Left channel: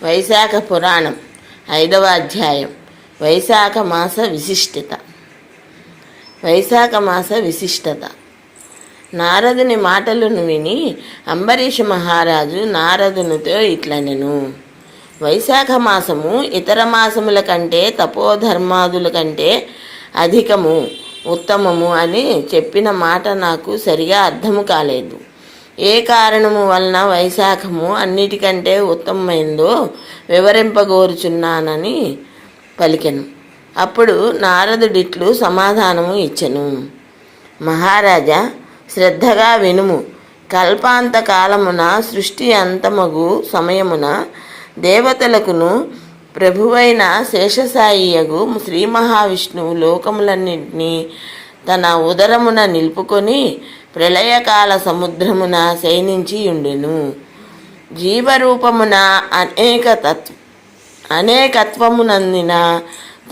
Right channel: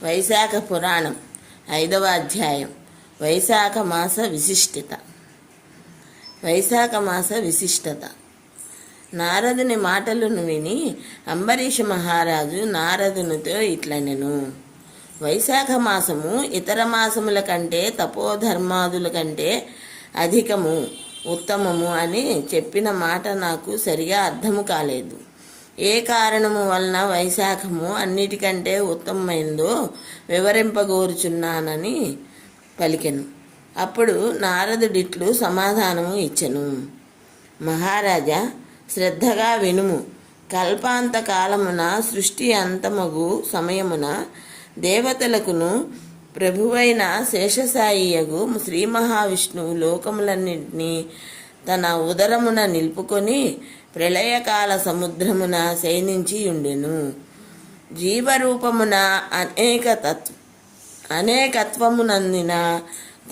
వైశాఖ పురాణం 5వ అధ్యాయం. వైశాఖ మాస విశిష్టత. వైశాఖ మాస విశిష్టత. నారదుని మాటలను విని అంబరీష మహారాజు నారదునితో ఇట్లనెను: వైశాఖ మాసము ఇతర మాసముల కంటే తపోధర్మాదుల కంటే అధికము, ఉత్తమము అని చెప్పిన మాట నాకు సరిగా అర్థము కాలేదు. ఏ కారణము వలన వైశాఖము అన్నిటికంటే ఉత్తమమైందో వివరింపగోరుచున్నానని పలికెను. అప్పుడు నారదుడిట్లు సమాధానము ఇచ్చెను: మహారాజా, శ్రద్ధగా వినుము. కల్పాంత కాలమున సృష్టి అంతమగు సమయమున దేవతలకును ప్రభువైన శేషసాయియగు శ్రీ మహావిష్ణువు లోకములన్నింటినీ తన ఉదరమున నిలుపుకొని ప్రళయకాల సముద్రమున శయనించి ఉండెను. జీవరూపమున అనేకత్వమునందిన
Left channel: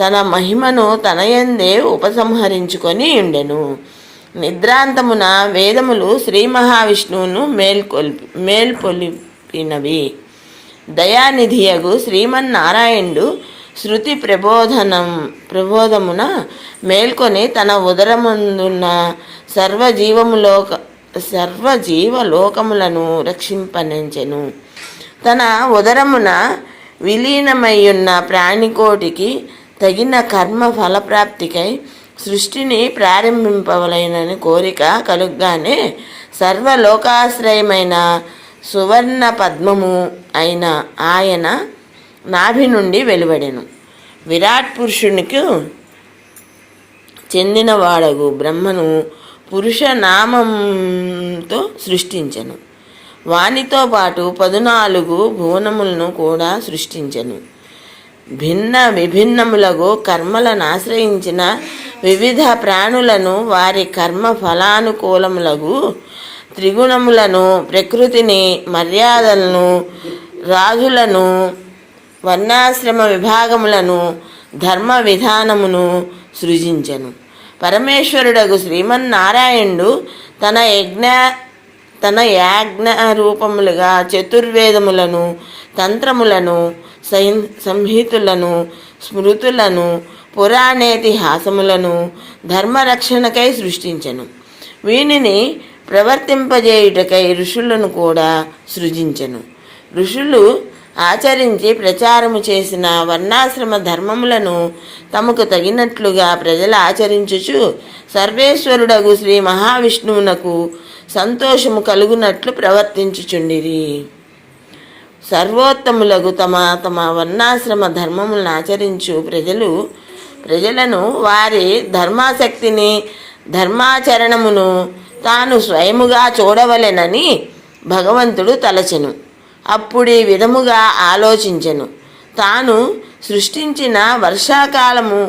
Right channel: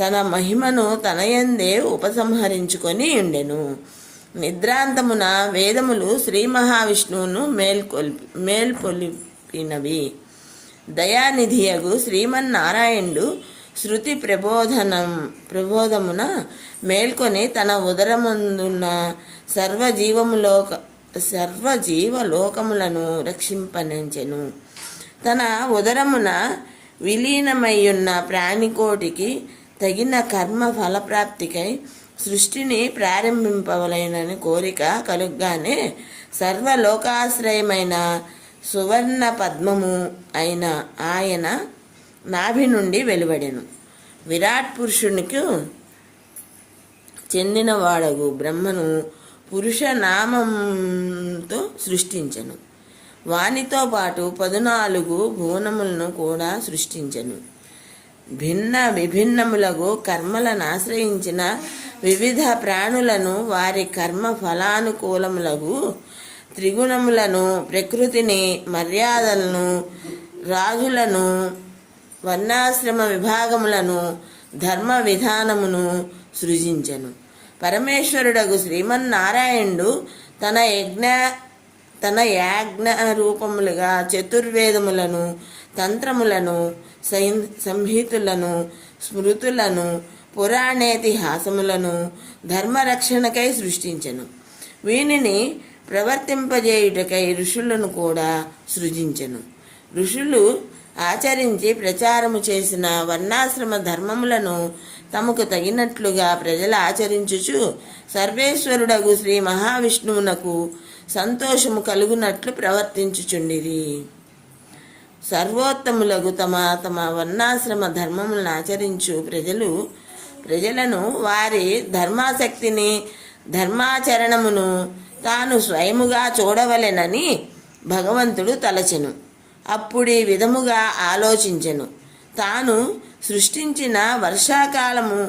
తన మహిమను తనయందే ఉపసంహరించుకొని ఉండెను. నిద్రాంతమున వేదములు శ్రీ మహావిష్ణువును మేల్కొల్పినవి. దయానిధియగు శ్రీమన్నారాయణుడు శృతి ప్రబోధమున మేల్కొని తన ఉదరముందున్న సర్వజీవలోకములను రక్షింపనించెను. తన ఉదరమున విలీనమయ్యున్న ప్రాణికోటికి తగిన కర్మ ఫలప్రాప్తికై సృష్టిని ప్రారంభింపవలెనని కోరిక కలుగ్గానే సర్వలోకాశ్రయమైన సువర్ణ పద్మము అయిన ఆయన నాభి నుండి వెలువడెను. విరాట్ పురుషునికి చెందినవాడగు బ్రహ్మను పురుష నామంతో సృష్టించెను. వానితో పాటు 14 భువనములను కూడా సృష్టించెను. విభిన్నములగు కర్మలను ఆశ్రయించిన వివిధ ప్రాణులను, వారి కర్మ ఫలానుకూలములగు త్రిగుణములను, ప్రకృతిని, మర్యాదలను, రాజులను, వర్ణాశ్రమ విభాగములను, ధర్మ విధానమును సృజించెను. పరమేశ్వరుడగు శ్రీమన్నారాయణుడు తన యాజ్ఞ రూపములుగా చతుర్వేదములను, తంత్రములను, సంహితులను, స్మృతులను, పురాణేతిహాసములను ధర్మరక్షణకై సృష్టించెను. వీనిని ప్రవర్తింపజేయుటకై ఋషులను కూడా సృజించెను. ఋషులు ఆచరించి ప్రచారము చేసిన వర్ణాశ్రమ ధర్మములను తమకు తగినట్లుగా ప్రజలు ఆచరించుచు సర్వేశ్వరుడగు శ్రీ మహావిష్ణువునకు సంతోషము కలుగునట్లు ప్రవర్తించుచుండిరి. సర్వోత్తములగు తమ వర్ణాశ్రమ ధర్మములను ఆచరించు ప్రజలను వారి ధర్మాసక్తిని, ధర్మాచరణమును తాను స్వయముగా చూడవలెనని భగవంతుడు తలచెను. అప్పుడీ విధముగా ఆలోచించెను: తాను సృష్టించిన వర్షాకాలము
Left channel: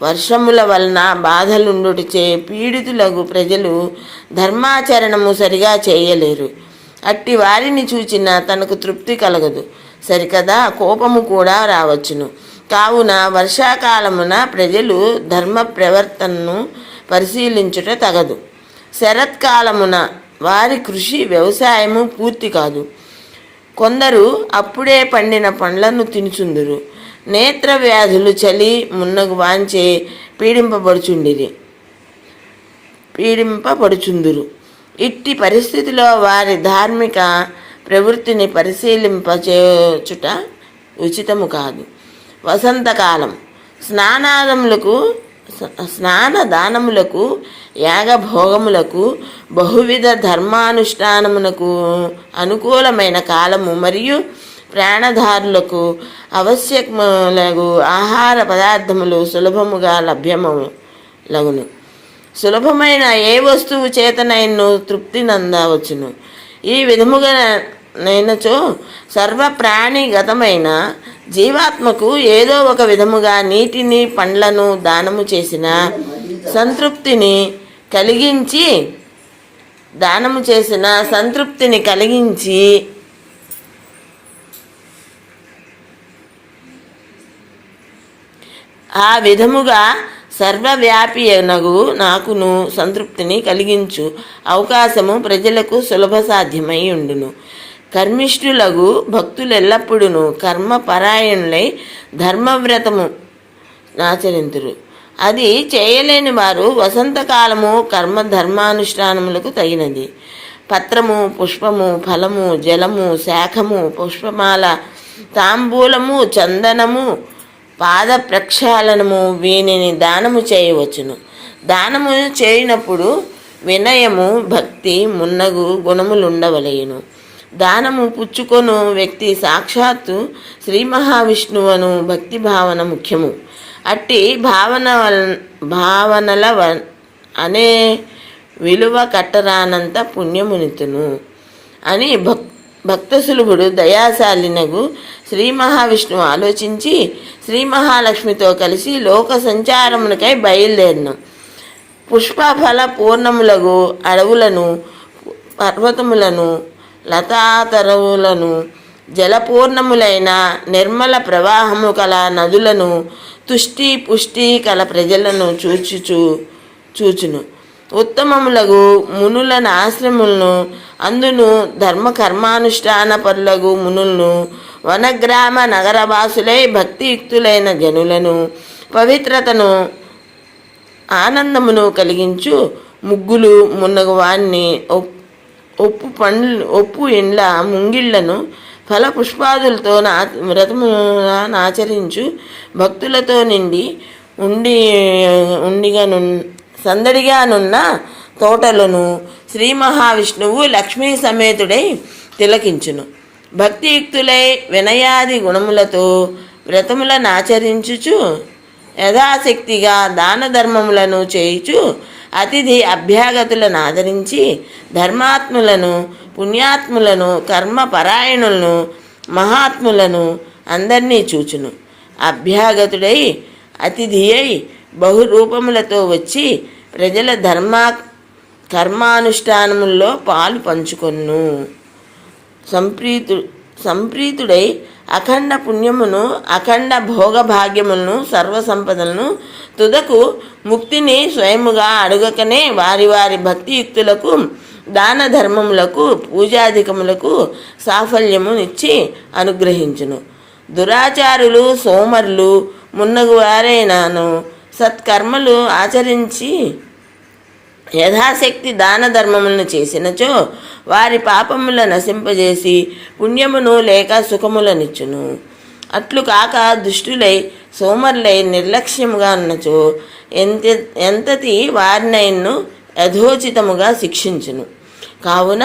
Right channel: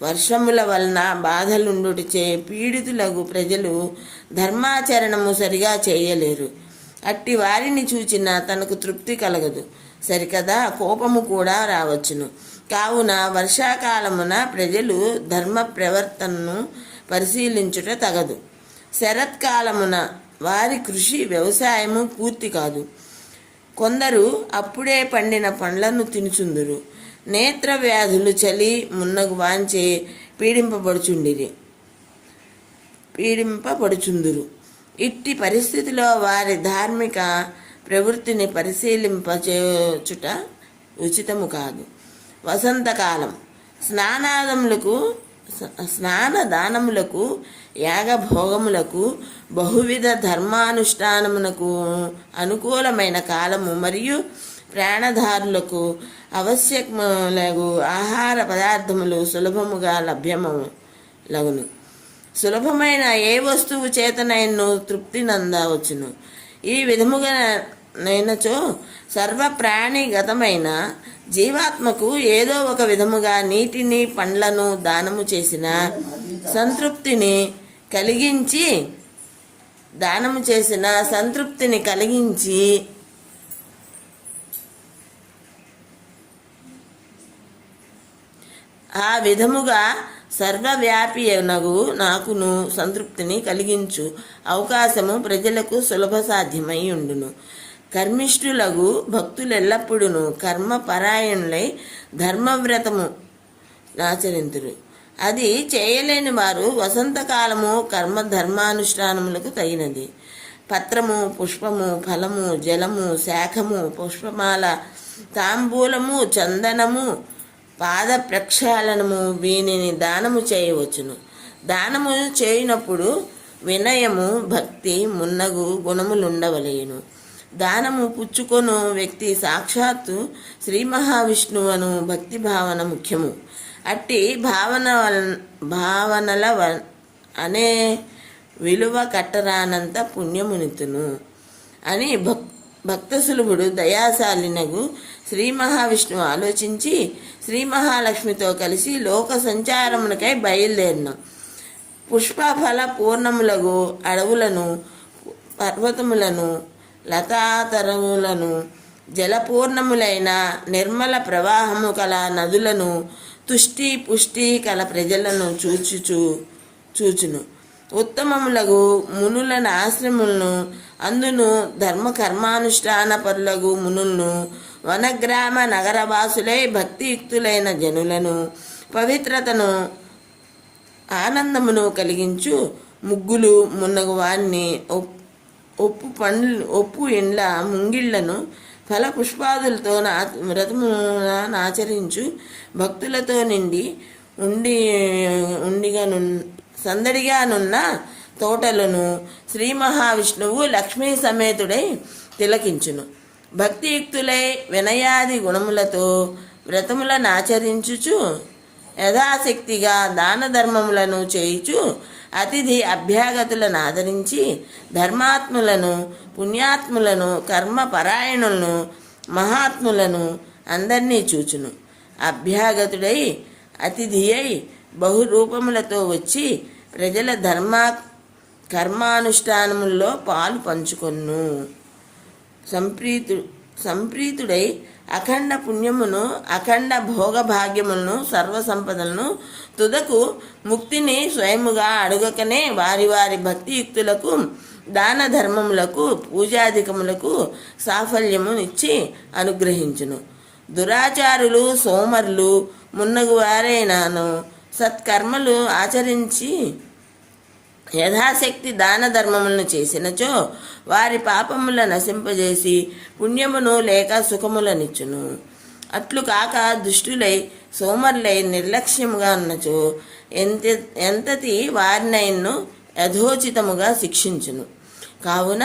వర్షముల వలన బాధలుండుటచే పీడితులగు ప్రజలు ధర్మాచరణము సరిగా చేయలేరు. అట్టి వారిని చూచిన తనకు తృప్తి కలగదు, సరికదా కోపము కూడా రావచ్చును. కావున వర్షాకాలమున ప్రజలు ధర్మ ప్రవర్తనను పరిశీలించుట తగదు. శరత్కాలమున వారి కృషి వ్యవసాయము పూర్తి కాదు. కొందరు అప్పుడే పండిన పండ్లను తినుచుందురు. నేత్ర వ్యాధులు చలి మున్నగు వాంచే పీడింపబడుచుందురు. ఇట్టి పరిస్థితిలో వారి ధార్మిక ప్రవృత్తిని పరిశీలింపచేయుట ఉచితము కాదు. వసంతకాలం స్నానదానములకు, యాగభోగములకు, బహువిధ ధర్మానుష్ఠానమునకు అనుకూలమైన కాలము మరియు ప్రాణధారులకు ఆవశ్యకములగు ఆహార పదార్థములు సులభముగా లభ్యమగును. సులభమైన ఏ వస్తువు చేతనైనను తృప్తి నందవచ్చును. ఈ విధముగా నైనచో సర్వప్రాణిగతమైన జీవాత్మకు ఏదో ఒక విధముగా నీటిని, పండ్లను దానము చేసిన సంతృప్తిని కలిగించి ఆ విధముగా సర్వవ్యాపియనగు నాకును సంతృప్తిని కలిగించు అవకాశము ప్రజలకు సులభ సాధ్యమై ఉండును. కర్మిష్ఠులగు భక్తులెల్లప్పుడూ కర్మపరాయణులై ధర్మవ్రతము ఆచరింతురు. అది చేయలేని వారు వసంతకాలము ధర్మానుష్ఠానములకు తగినది. పత్రము, పుష్పము, ఫలము, జలము, శాఖము, పుష్పమాల, తాంబూలము, చందనము, పాద ప్రక్షాళనము వీనిని దానము చేయవచ్చును. దానము చేయనప్పుడు వినయము, భక్తి మున్నగు గుణములుండవలయును. దానము పుచ్చుకొను వ్యక్తి సాక్షాత్తు శ్రీ మహావిష్ణువును భక్తి భావన ముఖ్యము. అట్టి భావనల అనే విలువ కట్టరానంత పుణ్యమునితును అని భక్తసులభుడు దయాశాలినగు శ్రీ మహావిష్ణువు ఆలోచించి శ్రీ మహాలక్ష్మితో కలిసి లోక సంచారమునకై బయలుదేరిను. పుష్పఫల పూర్ణములగు అడవులను, పర్వతములను, లతాతరువులను, జలపూర్ణములైన నిర్మల ప్రవాహము కల నదులను, తుష్టి పుష్టి కల ప్రజలను చూచును. ఉత్తమములగు మునుల ఆశ్రములను, అందును ధర్మ కర్మానుష్ఠాన పరులగు మునులను, వనగ్రామ నగరవాసులై భక్తియుక్తులైన జనులను, పవిత్రతను ఆనందమును కలిగించు ముగ్గులు మున్నగు వాణ్ణి, ఒప్పు ఇండ్ల ముంగిళ్లను ఫల పుష్పాదులతో ఆచరించు భక్తులతో నిండి సందడిగానున్న తోటలను శ్రీ మహావిష్ణువు లక్ష్మీ సమేతుడై తిలకించును. భక్తియుక్తులై వినయాది గుణములతో వ్రతములను ఆచరించుచు యథాశక్తిగా దాన ధర్మములను చేయుచు అతిథి అభ్యాగతులను ఆదరించి ధర్మాత్ములను, పుణ్యాత్ములను, కర్మపరాయణులను, మహాత్ములను అందరినీ చూచును. అభ్యాగతుడై అతిథి అయి బహురూపములతో వచ్చి ప్రజల కర్మానుష్ఠానముల్లో పాలు పంచుకొను. సంప్రీతుడై అఖండ పుణ్యమును, అఖండ భోగభాగ్యములను, సర్వసంపదలను, తుదకు ముక్తిని స్వయముగా అడుగకనే వారి వారి భక్తియుక్తులకు, దాన ధర్మములకు, పూజాధికములకు సాఫల్యమునిచ్చి అనుగ్రహించును. దురాచారులు, సోమరులు మున్నగు వారైనాను సత్కర్మలు ఆచరించి యథాశక్తి దాన ధర్మములను చేసినచో వారి పాపముల నశింపజేసి పుణ్యమును లేక సుఖములనిచ్చును. అట్లు కాక దుష్టులై సోమరులై నిర్లక్ష్యముగా ఉన్నచో ఎంతటి వారినైన్ను యథోచితముగా శిక్షించును. కావున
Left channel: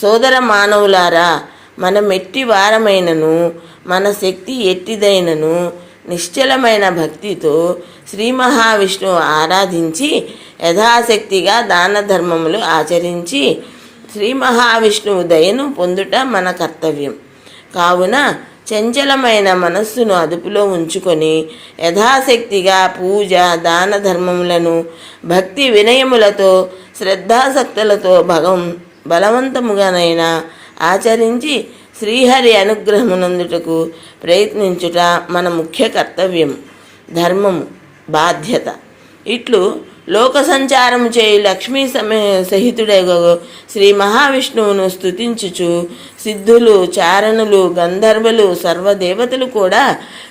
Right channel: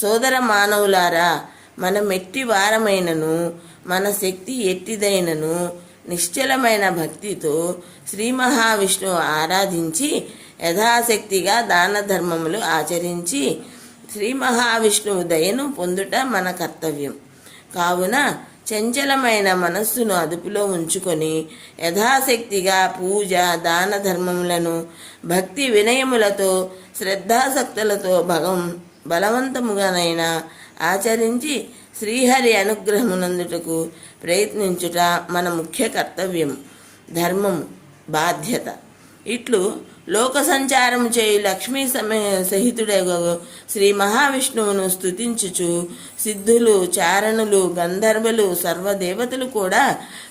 సోదర మానవులారా, మనమెట్టి వారమైనను, మన శక్తి ఎట్టిదైనను నిశ్చలమైన భక్తితో శ్రీ మహావిష్ణువు ఆరాధించి యథాశక్తిగా దాన ధర్మములు ఆచరించి శ్రీ మహావిష్ణువు దయను పొందుట మన కర్తవ్యం. కావున చంచలమైన మనస్సును అదుపులో ఉంచుకొని యథాశక్తిగా పూజ, దాన ధర్మములను భక్తి వినయములతో, శ్రద్ధాసక్తులతో బలవంతముగానైనా ఆచరించి శ్రీహరి అనుగ్రహమునందుటకు ప్రయత్నించుట మన ముఖ్య కర్తవ్యం, ధర్మము, బాధ్యత. ఇట్లు లోక సంచారము చేయు లక్ష్మీ సహితుడగు శ్రీ మహావిష్ణువును స్తుతించుచు సిద్ధులు, చారణులు, గంధర్వులు, సర్వదేవతలు కూడా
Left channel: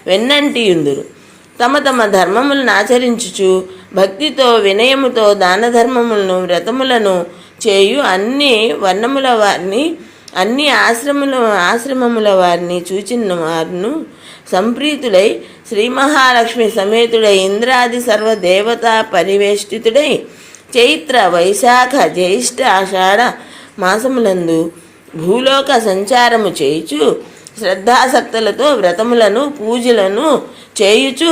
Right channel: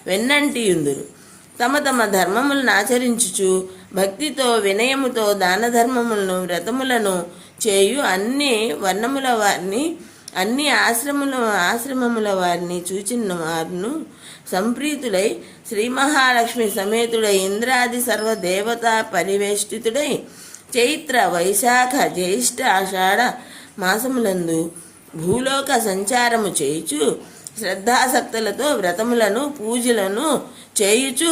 వెన్నంటియుందురు. తమ తమ ధర్మములను ఆచరించుచు భక్తితో, వినయముతో దాన ధర్మములను, వ్రతములను చేయు అన్ని వర్ణముల వారిని, అన్ని ఆశ్రమముల వారిని చూచిన వారును సంప్రీతుడై శ్రీ మహాలక్ష్మి సమేతుడై ఇంద్రాది సర్వదేవతా పరివేష్టితుడై చైత్ర, వైశాఖ, జ్యేష్ఠ, ఆషాఢ మాసములందు భూలోక సంచారము చేయుచు శ్రద్ధాసక్తులతో వ్రతములను, పూజలను చేయుచు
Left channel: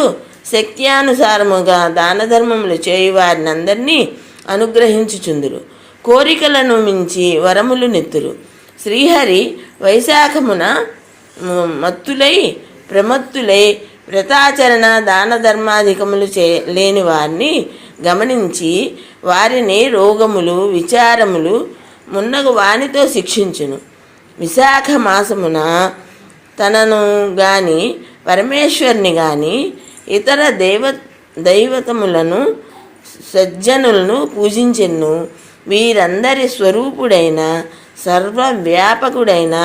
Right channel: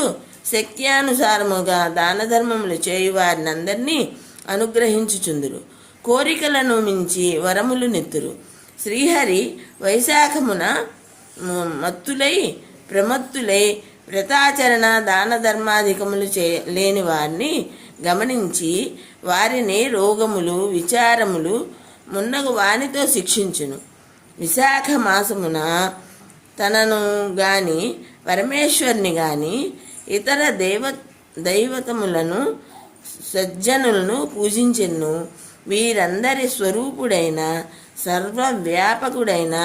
శక్త్యానుసారముగా దాన ధర్మములు చేయు వారిని అందరినీ అనుగ్రహించుచుందురు. కోరికలను మించి వరములు నెత్తురు. శ్రీహరి వైశాఖమున ప్రమత్తులై వ్రతాచరణ, దాన ధర్మాధికములు లేని వారిని గమనించి వారిని రోగములు, విచారములు మున్నగు వానితో శిక్షించును. విశాఖ మాసమున తనను గాని, పరమేశ్వరుని గాని, ఇతర దైవతములను, సజ్జనులను పూజించెను. వీరందరి స్వరూపుడైన, సర్వవ్యాపకుడైన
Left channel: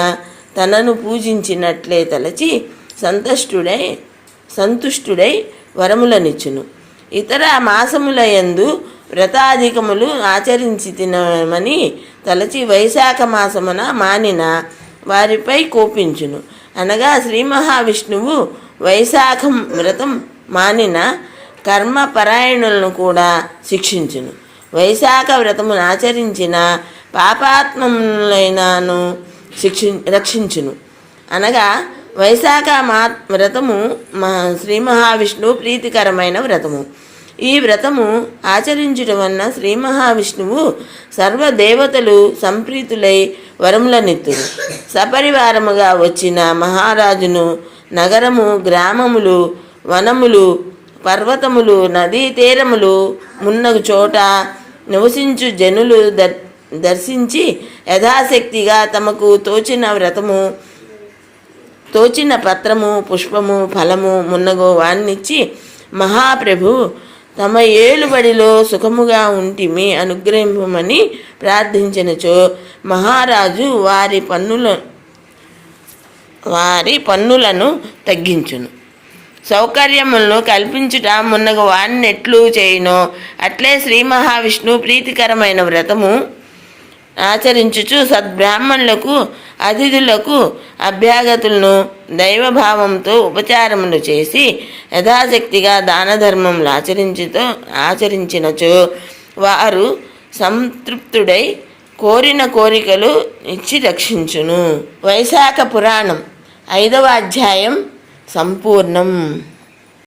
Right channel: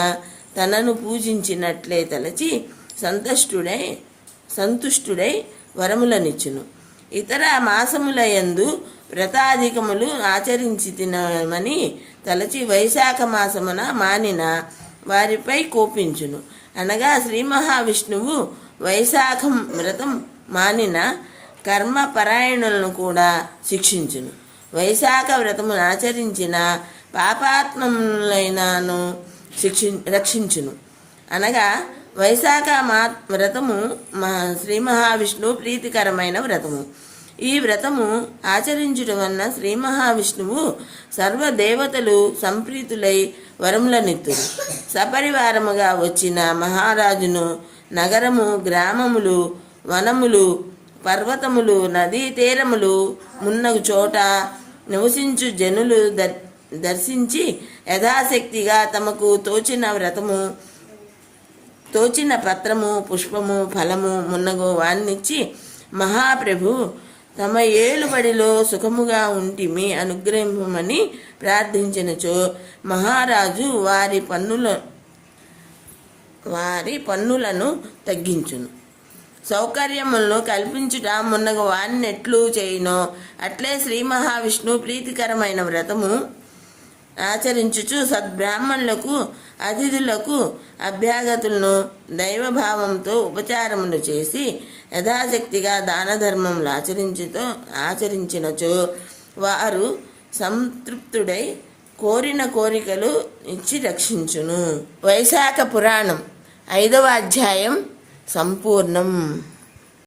తనను పూజించినట్లే తలచి సంతుష్టుడై వరములనిచ్చును. ఇతర మాసములయందు వ్రతాధికములు ఆచరించి తినమని తలచి వైశాఖ మాసమున మానిన వారిపై కోపించును. అనగా శ్రీ మహావిష్ణువు వైశాఖం వ్రతం మానిన కర్మపరాయణులను కూడా శిక్షించును. వైశాఖ వ్రతమును ఆచరించిన పాపాత్మములైనను రక్షించును. అనగా వైశాఖ వ్రతము శ్రీ మహావిష్ణువు ప్రీతికరమైన వ్రతము. ఈ వ్రతము ఆచరించడం వలన శ్రీ మహావిష్ణువు సర్వదేవతలు సంప్రీతులై వరములనిత్తురు. సపరివారముగా వచ్చిన మహారాజును నగరము, గ్రామములు, వనములు, పర్వతములు, నదీ తీరములు మున్నగు చోట నివసించు జనులు దర్శించి యథాశక్తిగా తమకు తోచిన పత్రము, పుష్పము, ఫలము మున్నగు వాన్నిచ్చి మహాప్రభు తమ ఏలుబడిలో సుఖముగా ఉంటిమి అనుగ్రహింపమని ప్రార్థించినచో మహారాజు వారి పన్నులను తగ్గించును. సౌకర్యములను కల్పించుట మున్నగు వాన్నెట్లు చేయునో అట్లే శ్రీ మహావిష్ణువు ప్రీతికరమైన వ్రతము ఆచరించుచు సద్బ్రాహ్మణులకు, అతిథులకు అభ్యాగతులను దైవభావంతో ఉపచారములు చేసి యథాశక్తిగా దాన ధర్మములు ఆచరించినచో వారు సంతృప్తుడై కోరిన కోరికలు ఇచ్చి రక్షించును. వైశాఖ పురాణం 5వ అధ్యాయం సంపూర్ణం.